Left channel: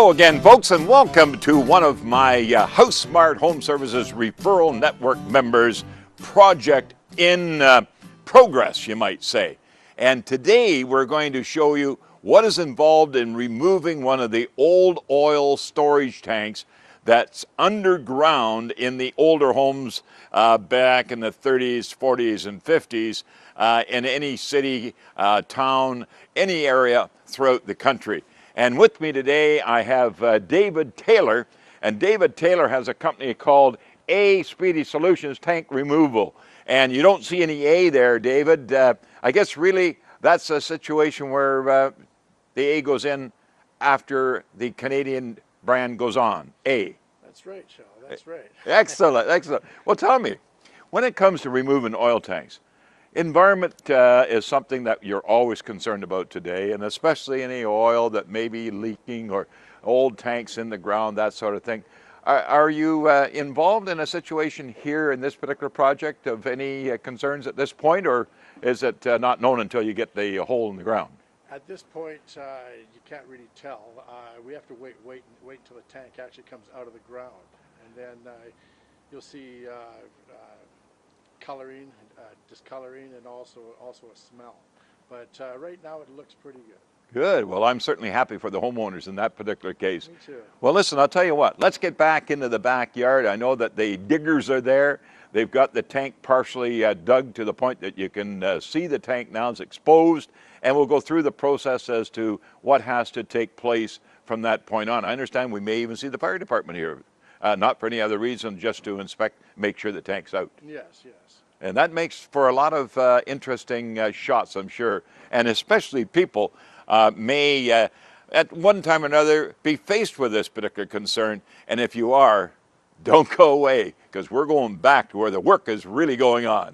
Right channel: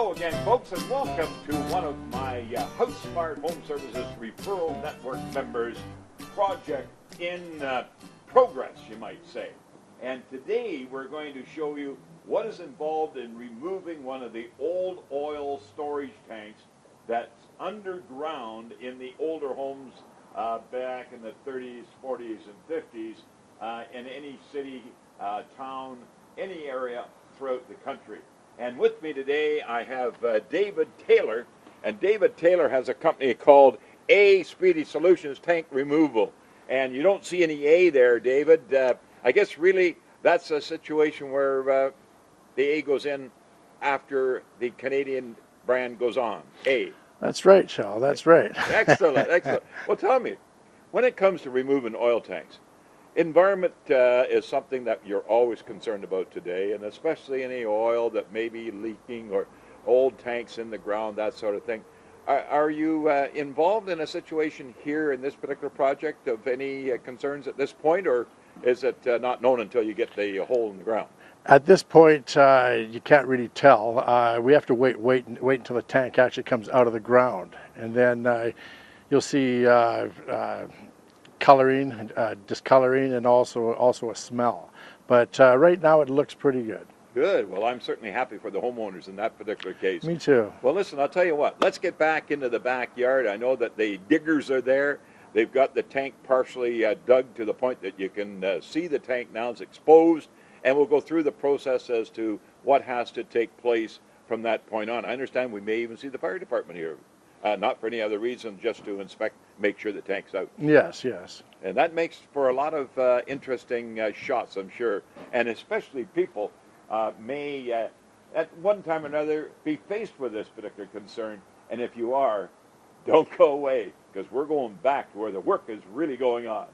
Hello again, folks, and welcome to one of my House Smart Home Services Referral Network members, project in progress, you might say. And today we're going to show you what is involved in removing one of the old oil storage tanks that's underground in the older homes back in the 30s, 40s, and 50s in any city, town, any area throughout the country. And with me today, I have David Taylor, and David Taylor has a company called A Speedy Solutions Tank Removal. And you don't see any A there, David. I guess really that's a situation where the A goes in after the Canadian brand goes on, A. That's right, Shal, that's right. Excellent, excellent. Well, tell me, when it comes to removing oil tanks, environment is something that you're always concerned about today, and especially any oil that may be leaking or old tanks in the ground, that sort of thing. Are you involved in a situation here in this particular project of any concerns at this point, or is it not known until you get the hole in the ground? At this point, you can't really tell. We have to wait until the tank actually comes out of the ground, and then you'll see coloring, discoloring, and also a smell. But right now it looks pretty good. Good. Well, I'm certainly happy for the homeowners in that particular case. Me too. Well, listen, I'll tell you what. Let's get back into the backyard. I know that the diggers are there. They've got the tank partially dug to the point that you can see the tank now is exposed, and we'll go through the process as to what has to take place from that point on. I understand we may even see the fire department here. Not for any other reason, just to inspect, make sure the tank's out. Yes, yes. And that makes for a lot of interesting shots, I'm sure. And especially people may, at one time or another, be faced with this particular concern. And if you are, don't go away, because we're going back to where the work is really going on.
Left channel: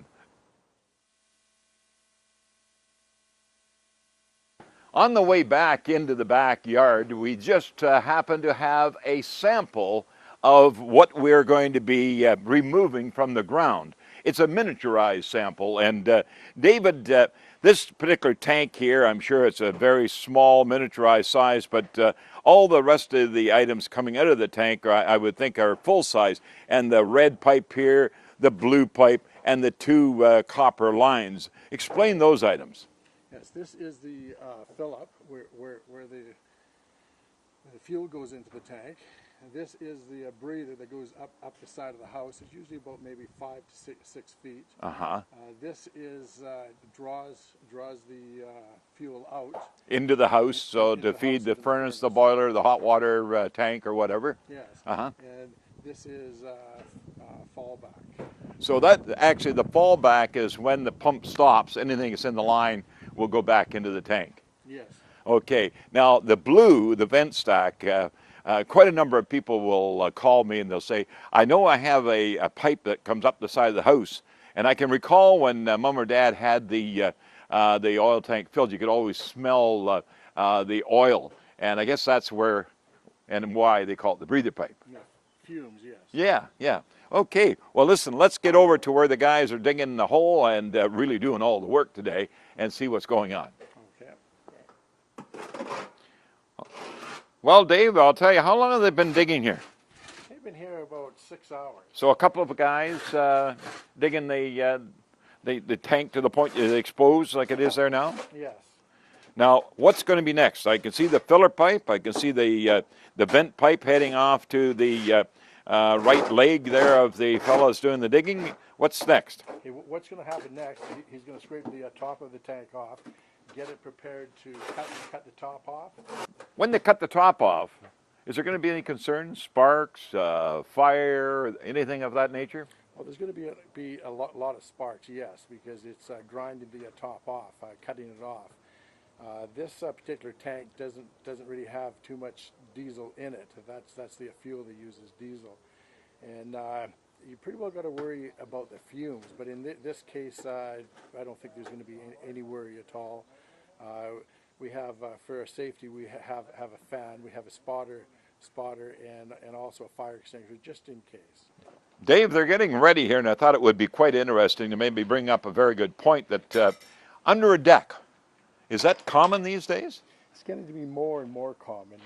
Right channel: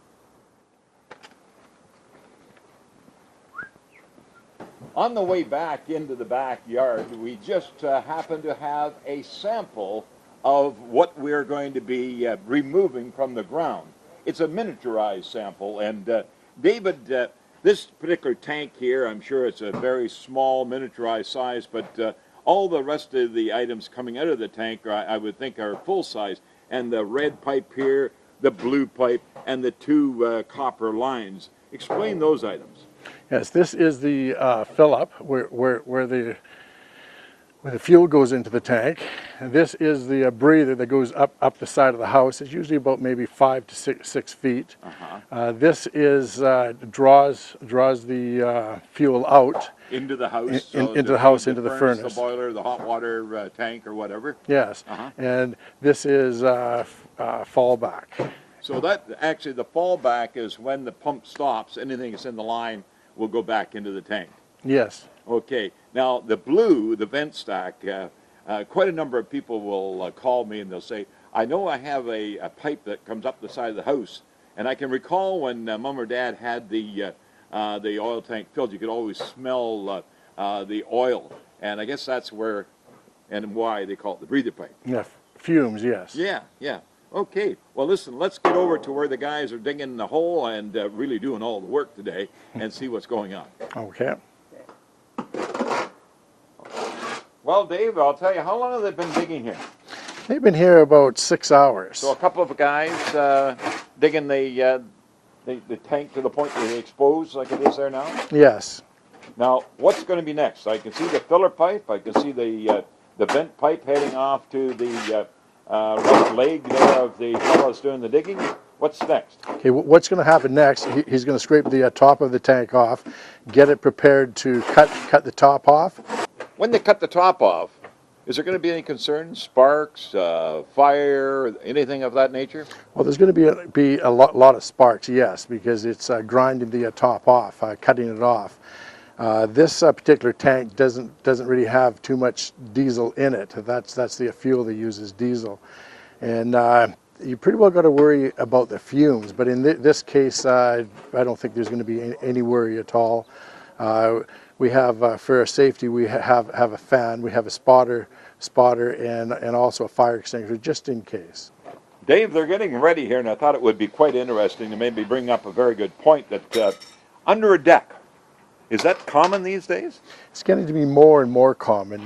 On the way back into the backyard, we just happen to have a sample of what we're going to be removing from the ground. It's a miniaturized sample, and David, this particular tank here, I'm sure it's a very small miniaturized size, but all the rest of the items coming out of the tank, I would think, are full size. And the red pipe here, the blue pipe, and the two copper lines. Explain those items. Yes, this is the fill-up where the fuel goes into the tank. And this is the breather that goes up the side of the house. It's usually about maybe 5 to 6 feet. This is draws the fuel out into the house, into the house, into the furnace, the boiler, the hot water tank, or whatever. Yes, and this is fallback. So that actually the fallback is when the pump stops. Anything that's in the line will go back into the tank. Yes. Okay, now the blue, the vent stack, quite a number of people will call me and they'll say, I know I have a pipe that comes up the side of the house, and I can recall when Mom or Dad had the oil tank filled, you could always smell the oil, and I guess that's where and why they call it the breather pipe. Yeah, fumes, yes. Yeah, yeah. Okay, well listen, let's get over to where the guys are digging the hole and really doing all the work today and see what's going on. Okay. Well, Dave, I'll tell you, how long have they been digging here? They've been here about 6 hours. So a couple of guys digging the tank to the point that it's exposed like it is there now? Yes. Now, what's going to be next? I can see the filler pipe. I can see the vent pipe heading off to the right leg there of the fellows doing the digging. What's next? Okay, what's going to happen next, he's going to scrape the top of the tank off, get it prepared to cut the top off. When they cut the top off, is there going to be any concerns, sparks, fire, anything of that nature? Well, there's going to be a lot of sparks, yes, because it's grinding the top off, cutting it off. This particular tank doesn't really have too much diesel in it. That's the fuel they use is diesel, and you pretty well got to worry about the fumes. But in this case, I don't think there's going to be any worry at all. We have, for our safety, we have a fan, we have a spotter, and also a fire extinguisher, just in case. Dave, they're getting ready here, and I thought it would be quite interesting to maybe bring up a very good point that under a deck, Is that common these days? It's getting to be more and more common.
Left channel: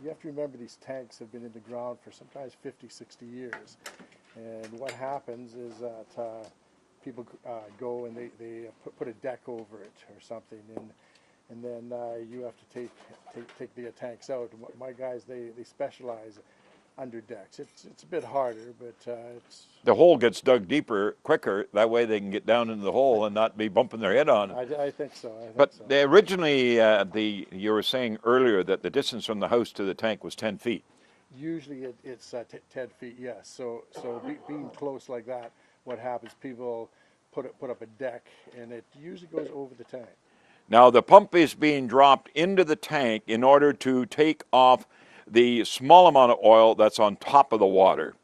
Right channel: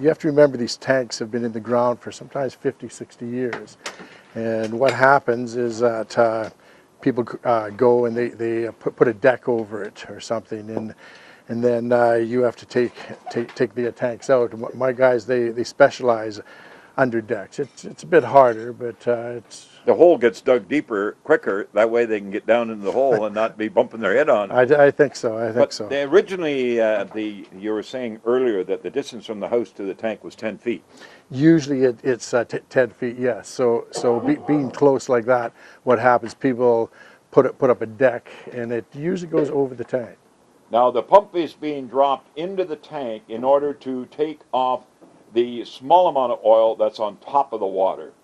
You have to remember these tanks have been in the ground for sometimes 50, 60 years. And what happens is that people go and they put a deck over it or something, and then you have to take the tanks out. My guys, they specialize under decks. It's a bit harder, but it's... The hole gets dug deeper quicker. That way they can get down into the hole and not be bumping their head on it. I think so. I think But so. originally, you were saying earlier that the distance from the house to the tank was 10 feet. Usually it's 10 feet, yes. So being close like that, what happens? People put up a deck, and it usually goes over the tank. Now the pump is being dropped into the tank in order to take off the small amount of oil that's on top of the water.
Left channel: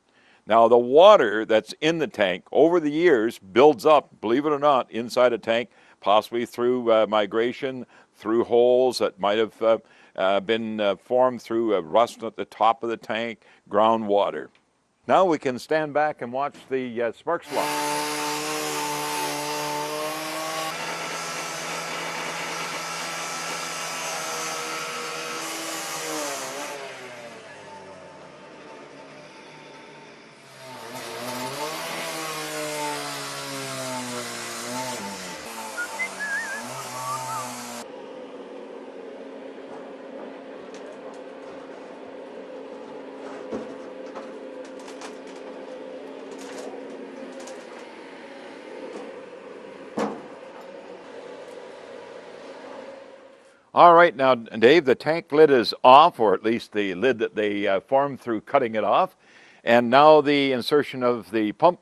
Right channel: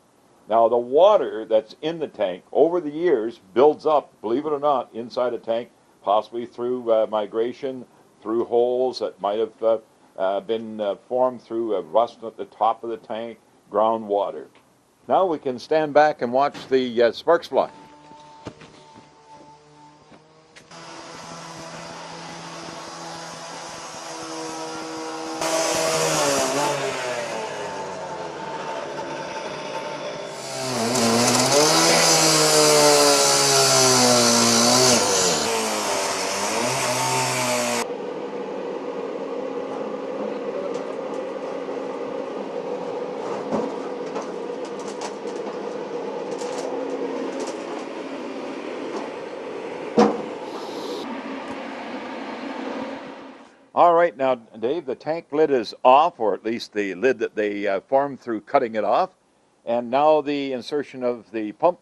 Now the water that's in the tank over the years builds up, believe it or not, inside a tank, possibly through migration, through holes that might have been formed through rust at the top of the tank, groundwater. Now we can stand back and watch the sparks fly. All right, now, Dave, the tank lid is off, or at least the lid that they formed through cutting it off. And now the insertion of the pump.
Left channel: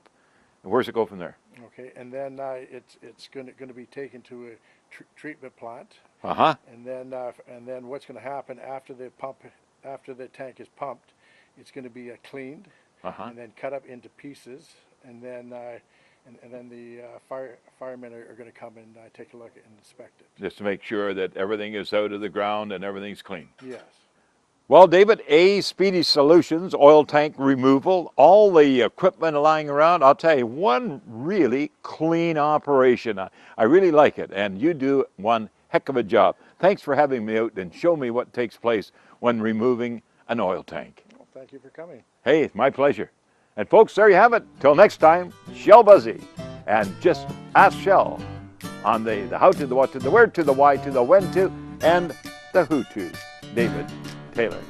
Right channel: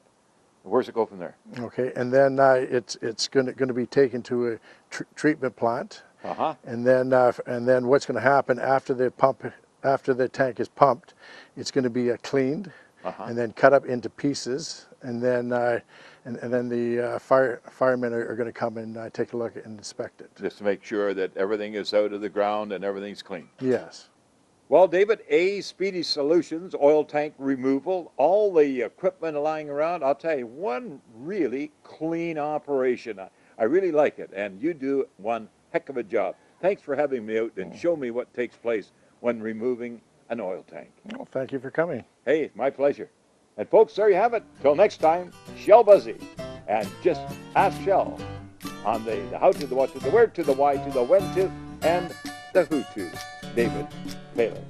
Where's it go from there? Okay, and then it's going to be taken to a treatment plant. Uh-huh. And then what's going to happen after the tank is pumped, it's going to be cleaned, and then cut up into pieces, and then the firemen are going to come and take a look and inspect it. Just to make sure that everything is out of the ground and everything's clean. Yes. Well, David, Speedy Solutions, oil tank removal, all the equipment lying around, I'll tell you, one really clean operation. I really like it, and you do one heck of a job. Thanks for having me out and show me what takes place when removing an oil tank. Well, thank you for coming. Hey, it's my pleasure. And folks, there you have it. Till next time, Shell Buzzy. And just ask Shell on the how to, the what to, the where to, the why to, the when to, and the who to. David Taylor.